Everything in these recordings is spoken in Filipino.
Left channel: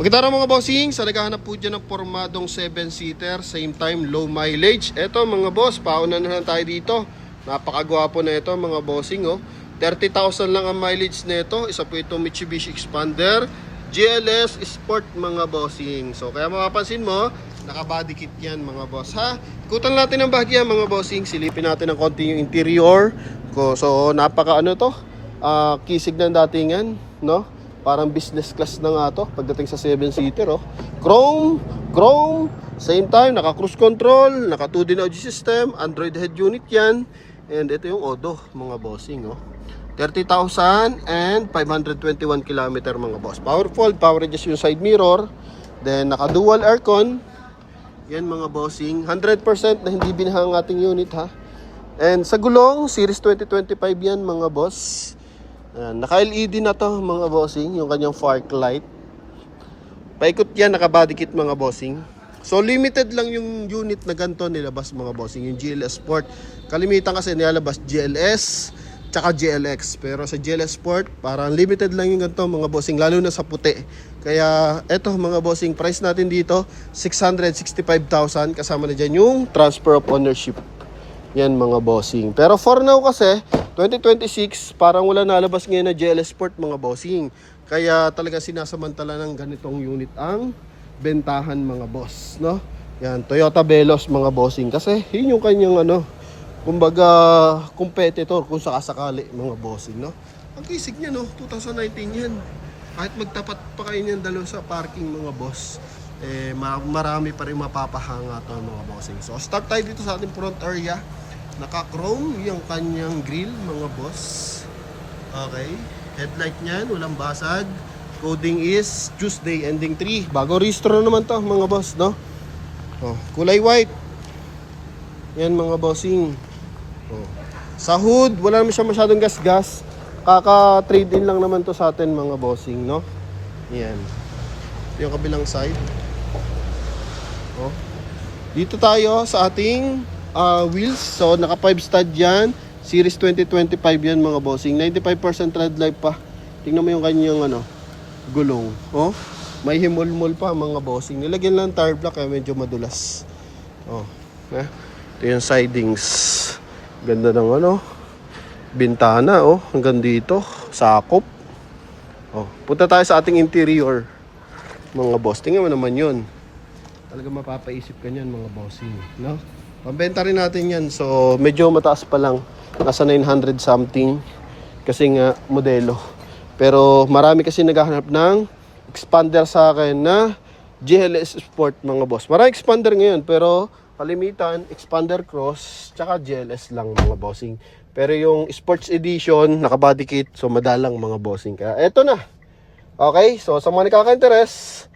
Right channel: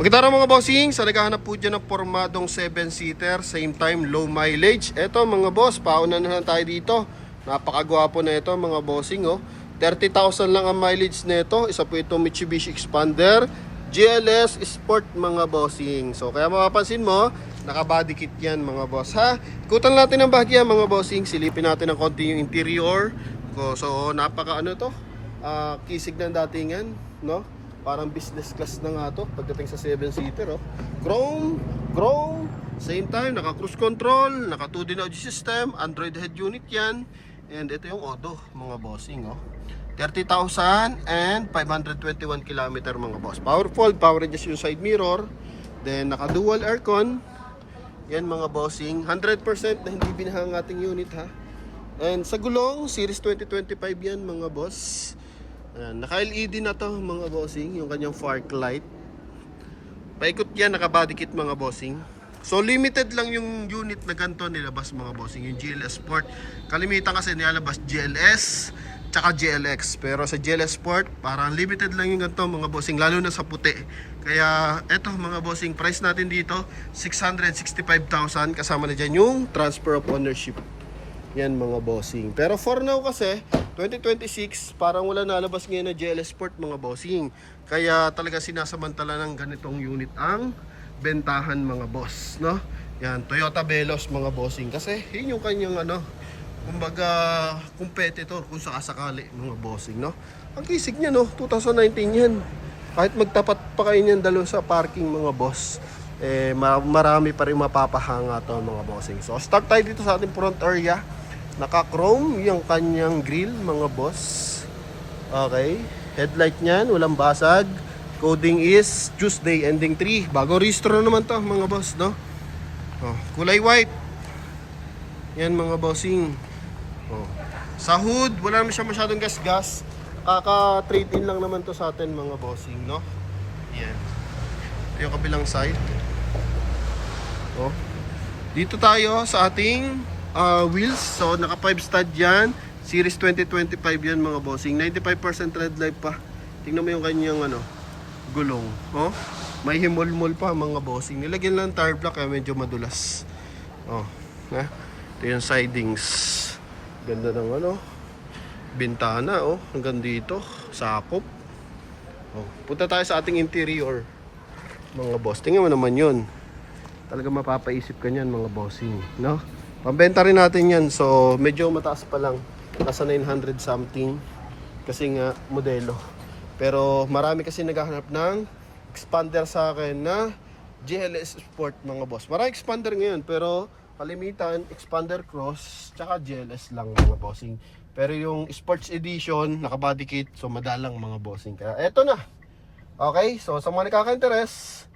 Magandang araw mga bossing, sa naghahanap po dyan ng pormadong 7-seater, same time low mileage. Eto mga boss, pauna na tayo dito. Napakagwapo na ito mga bossing, oh. 30,000 lang ang mileage nito. Isa po itong Mitsubishi Expander GLS Sport mga bossing. So kaya mapapansin mo, naka-body kit yan mga boss ha. Ikutan natin ang bahagya mga bossing, silipin natin ng konti yung interior. So napaka ano to, kisig ng datingan, no? Parang business class na nga to pagdating sa 7-seater, oh. Chrome, same time, naka cruise control, naka 2D audio system, Android head unit yan. And ito yung Odo, mga bossing, oh. 30,521 km mga boss. Powerful, power adjust yung side mirror. Then naka dual aircon. Yan mga bossing, 100% na hindi binahang ating unit ha. And sa gulong, series 2025 yan mga boss. Naka-LED na to mga bossing, yung kanyang fog light. Paikot yan, naka-body kit mga bossing. So limited lang yung unit na ganito nilabas mga bossing, yung GLS Sport. Kalimitan kasi nilalabas GLS tsaka GLX. Pero sa GLS Sport, parang limited lang yung ganito mga bossing, lalo na sa puti. Kaya eto mga bossing, price natin dito 665,000, kasama na dyan yung transfer of ownership. Yan mga bossing. Pero for now kasi 2026 parang wala nalabas ngayon na GLS Sport mga bossing. Kaya talaga sinasamantala ng ganitong unit ang bentahan mga boss, no? Yan, Toyota Veloz mga bossing. Kasi yun yung kanyang ano, kumbaga competitor kung sakasakali mga bossing, no? Ang kisig niya, no? 2019 yan. Kahit magtapat pa kayo niyan dalo sa parking mga boss, marami pa rin mapapahanga to mga bossing. So start tayo dito sa ating front area. Naka-chrome yung kanyang grill mga boss. Okay, headlight niyan, walang basag. Coding is Tuesday ending 3. Bago restro naman to mga boss, no? Oh, kulay white. Yan mga bossing. Oh. Sa hood, wala naman siya masyadong gas-gas. Kaka-trade in lang naman to sa atin mga bossing, no? Yan. Yung kabilang side. Oh. Dito tayo sa ating wheels. So naka 5 stud yan, series 2025 yan mga bossing. 95% tread life pa. Tingnan mo yung kanyang ano, gulong, oh. May himol-mol pa mga bossing. Nilagyan lang tire block kaya medyo madulas. Oh, ito yung sidings. Ganda ng ano, bintana, oh, hanggang dito, sakop. Oh, punta tayo sa ating interior mga boss. Tingnan mo naman yun. Talaga mapapaisip ka niyan mga bossing, no? Pambenta rin natin yan. So medyo mataas pa lang, nasa 900 something kasi nga modelo. Pero marami kasi naghahanap ng expander sa akin na GLS Sport mga boss. Marami expander ngayon pero kalimitan expander cross tsaka GLS lang mga bossing. Pero yung sports edition naka body kit, so madalang mga bossing. Kaya eto na. Okay, so sa mga nakaka-interest,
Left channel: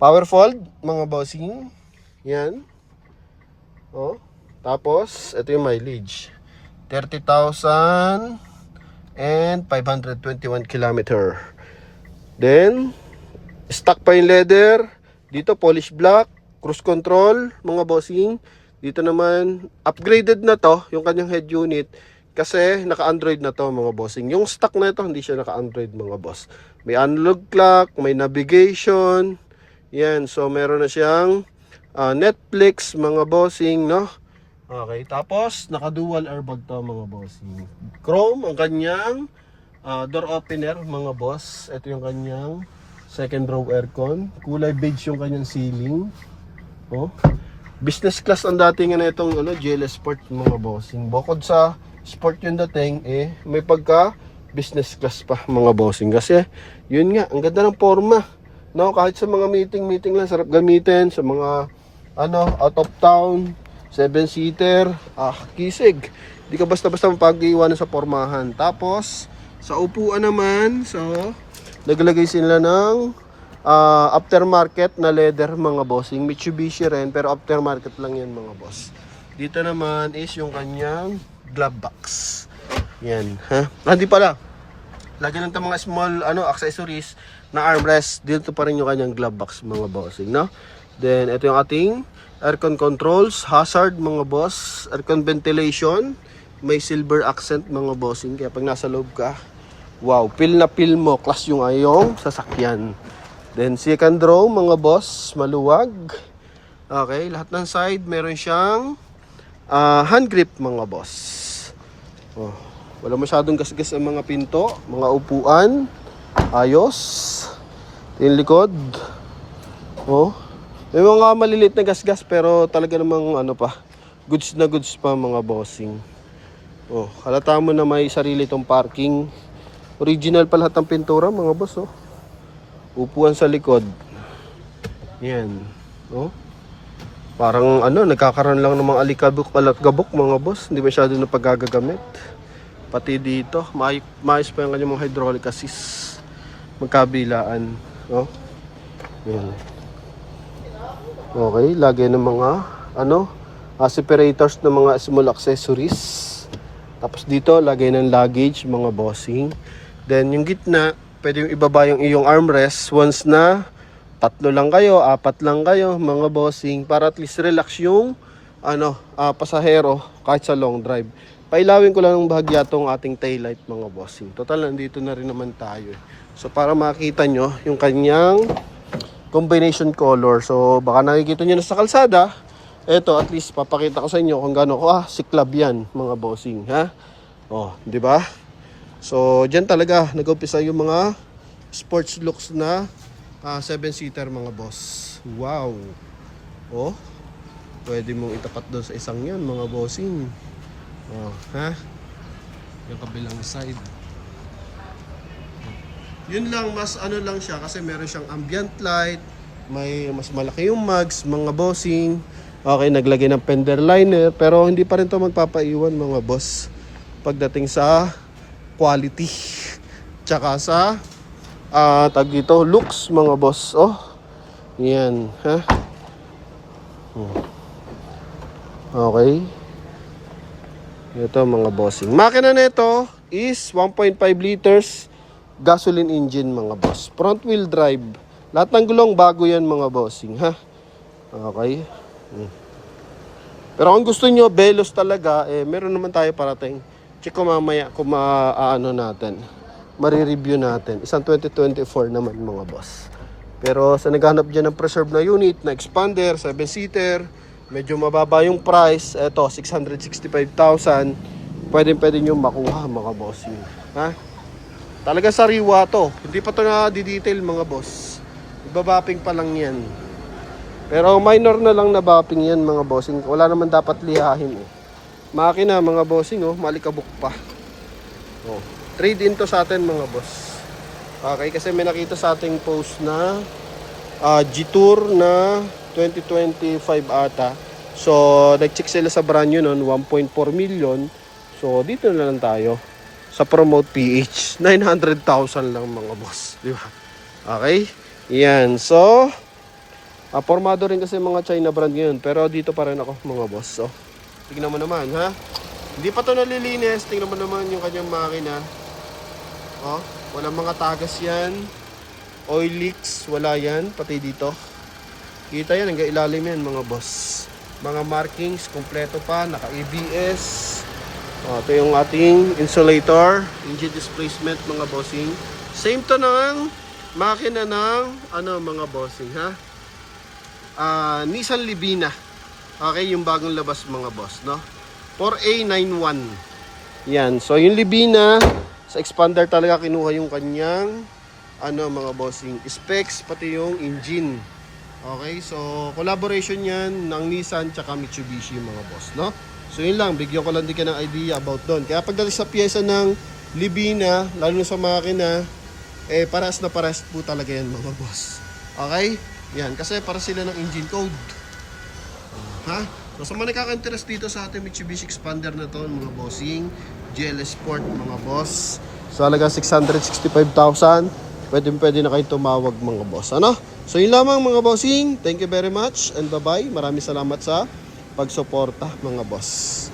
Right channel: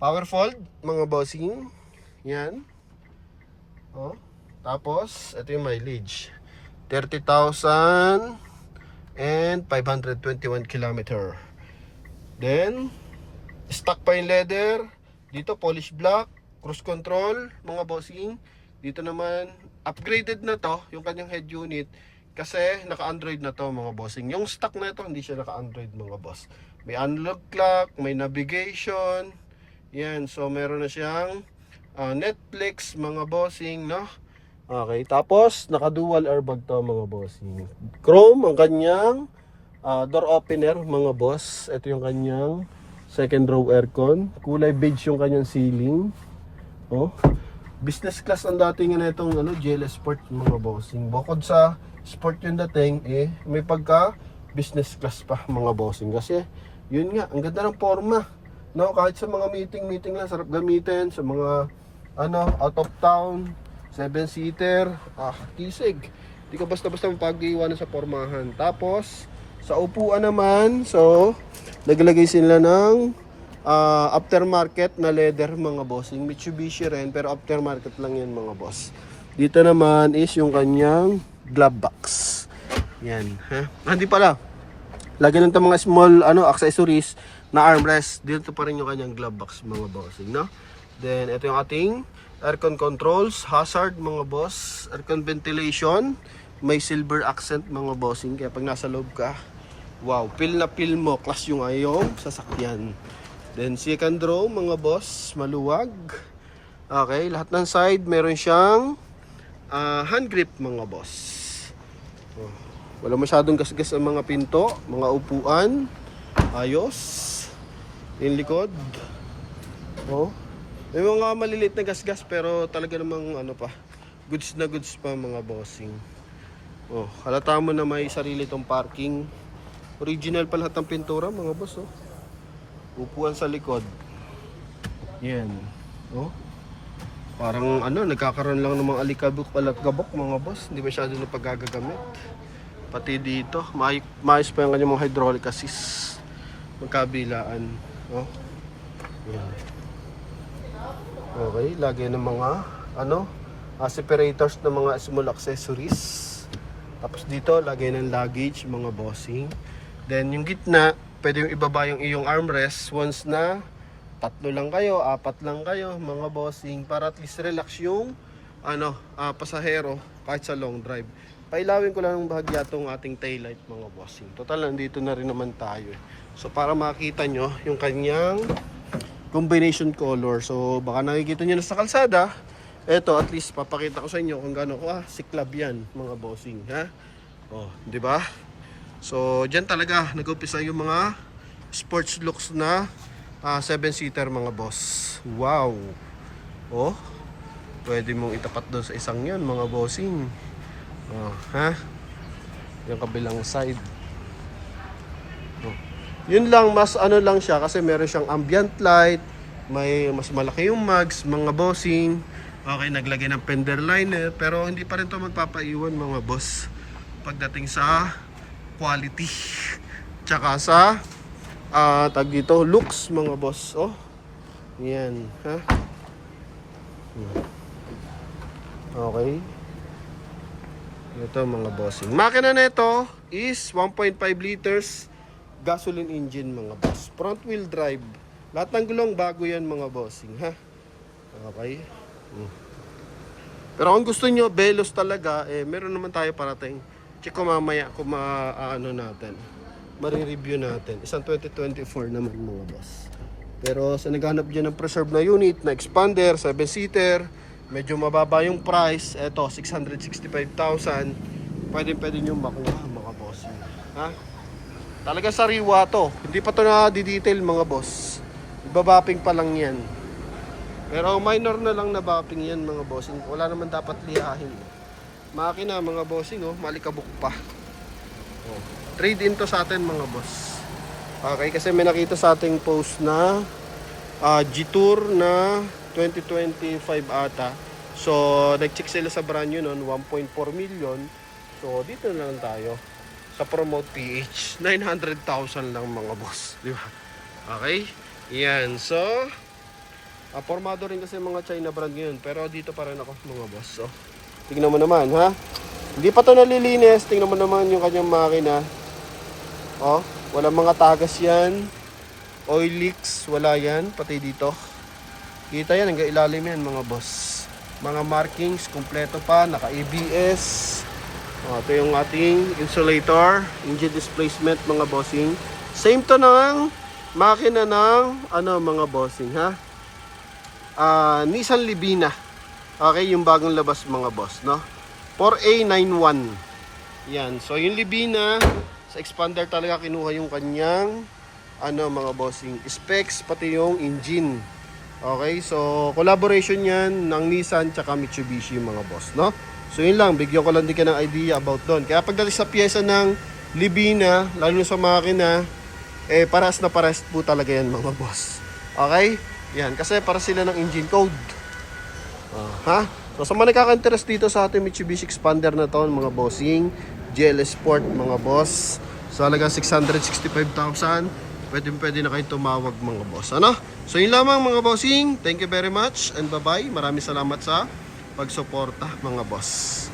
power fold mga bossing. Yan. Oh. Tapos ito yung mileage. 30,521 km. Then stock pa yung leather. Dito polish black, cruise control mga bossing. Dito naman upgraded na to yung kanyang head unit kasi naka-Android na to mga bossing. Yung stock na ito hindi siya naka-Android mga boss. May analog clock, may navigation. Yan, so meron na siyang Netflix mga bossing, no? Okay, tapos naka-dual airbag to mga bossing. Chrome ang kanyang door opener mga boss. Ito yung kanyang second row aircon. Kulay beige yung kanyang ceiling. Oh. Business class ang dating na itong ano, GLS Sport mga bossing. Bukod sa sport yung dating, may pagka business class pa mga bossing. Kasi yun nga, ang ganda ng forma. No, kahit sa mga meeting lang sarap gamitin, sa mga ano, out of town, 7-seater, kisig. Hindi ka basta-basta mapag-iwanan sa pormahan. Tapos sa upuan naman, so naglagay sila ng aftermarket na leather mga bossing. Mitsubishi rin, pero aftermarket lang yan mga boss. Dito naman is yung kanyang glove box. Yan, ha? Hindi pala. Lagyan ng mga small ano accessories na armrest. Dito pa rin yung kanyang glove box mga bossing, no? Then ito yung ating aircon controls, hazard mga boss, aircon ventilation, may silver accent mga bossing. Kaya pag nasa loob ka, wow, feel na feel mo class yung ayong sasakyan. Then second row mga boss, maluwag. Okay, lahat ng side meron siyang hand grip mga boss. Oh, wala masyadong gasgas ang mga pinto, mga upuan. Ayos. Yung likod. Oh, may mga malilit na gasgas pero talaga namang ano pa, goods na goods pa mga bossing. Oh, halata mo na may sarili tong parking. Original pa lahat ng pintura mga boss, oh. Upuan sa likod. Yan. Oh. Parang ano, nagkakaroon lang ng mga alikabok mga boss. Hindi masyado na paggagagamit. Pati dito, maayos pa yung kanyang mga hydraulic assist. Magkabilaan. Oh. Yan. Okay, lagay ng mga ano, separators ng mga small accessories. Tapos dito, lagay ng luggage, mga bossing. Then yung gitna, pwede yung ibaba yung iyong armrest once na 3 lang kayo, 4 lang kayo, mga bossing, para at least relax yung ano, pasahero kahit sa long drive. Pailawin ko lang ng bahagya tong ating taillight mga bossing. Total, nandito na rin naman tayo. So para makita nyo yung kanyang combination color. So baka nakikita nyo na sa kalsada. Eto, at least papakita ko sa inyo kung gaano ko siklab yan mga bossing, ha? Oh, di ba? So diyan talaga nag-umpisa yung mga sports looks na 7-seater mga boss. Wow. Oh. Pwede mong itapat doon sa isang 'yan mga bossing. Oh, ha? Yung kabilang side. Oh. Yun lang, mas ano lang siya kasi meron siyang ambient light, may mas malaki yung mags mga bossing. Okay, naglagay ng fender liner pero hindi pa rin 'to magpapaiwan mga boss pagdating sa quality tsaka sa tag dito looks mga boss. Oh yan, ha? Okay, ito mga bossing, makina na ito is 1.5 liters gasoline engine mga boss, front wheel drive, lahat ng gulong bago yan mga bossing, ha? Okay. Pero kung gusto nyo velos talaga, meron naman tayo parating. Check ko mamaya kung natin, marireview natin. Isang 2024 naman mga boss. Pero sa naghanap dyan ng preserve na unit, na expander, 7-seater, medyo mababa yung price. Eto, 665,000. Pwede nyo makuha mga boss. Ha? Talaga sariwa to. Hindi pa to na-detail mga boss. Ibabapping pa lang yan. Pero minor na lang na bapping yan mga bossing. Wala naman dapat lihahin Makina mga bossing, oh, malikabok pa. Oh, trade in to sa atin mga boss. Okay, kasi may nakita sa ating post na G-Tour na 2025 ata. So, nag-check sila sa brand new noon, 1.4 million. So, dito na lang tayo sa Promote PH. 900,000 lang mga boss, di ba? Okay? Yan. So, formado rin kasi mga China brand ngayon. Pero dito pa rin ako mga boss. So, tingnan mo naman, ha? Hindi pa to nalilinis. Tingnan mo naman yung kanyang makina. Oh, walang mga tagas yan. Oil leaks, wala yan. Pati dito. Kita yan, hanggang ilalim yan mga boss. Mga markings, kompleto pa. Naka-ABS. Oh, ito yung ating insulator. Engine displacement mga bossing. Same to ng makina ng mga bossing, ha? Nissan Livina. Okay, yung bagong labas mga boss, no? 4A91. Yan. So, yung Livina, sa expander talaga kinuha yung kanyang, mga bossing, specs, pati yung engine. Okay, so, collaboration yan ng Nissan tsaka Mitsubishi mga boss, no? So, yun lang. Bigyan ko lang din ka ng idea about doon. Kaya pagdating sa pyesa ng Livina, lalo sa makina, paras na paras po talaga yan mga boss. Okay? Yan. Kasi para sila ng engine code. Ha? So sa mga nakaka-interest dito sa ating Mitsubishi Expander na to, mga bossing, GLS Sport mga boss, so halaga 665,000, pwede na kayo tumawag mga boss. Ano? So yun lamang mga bossing, thank you very much and bye bye. Maraming salamat sa pagsuporta mga boss.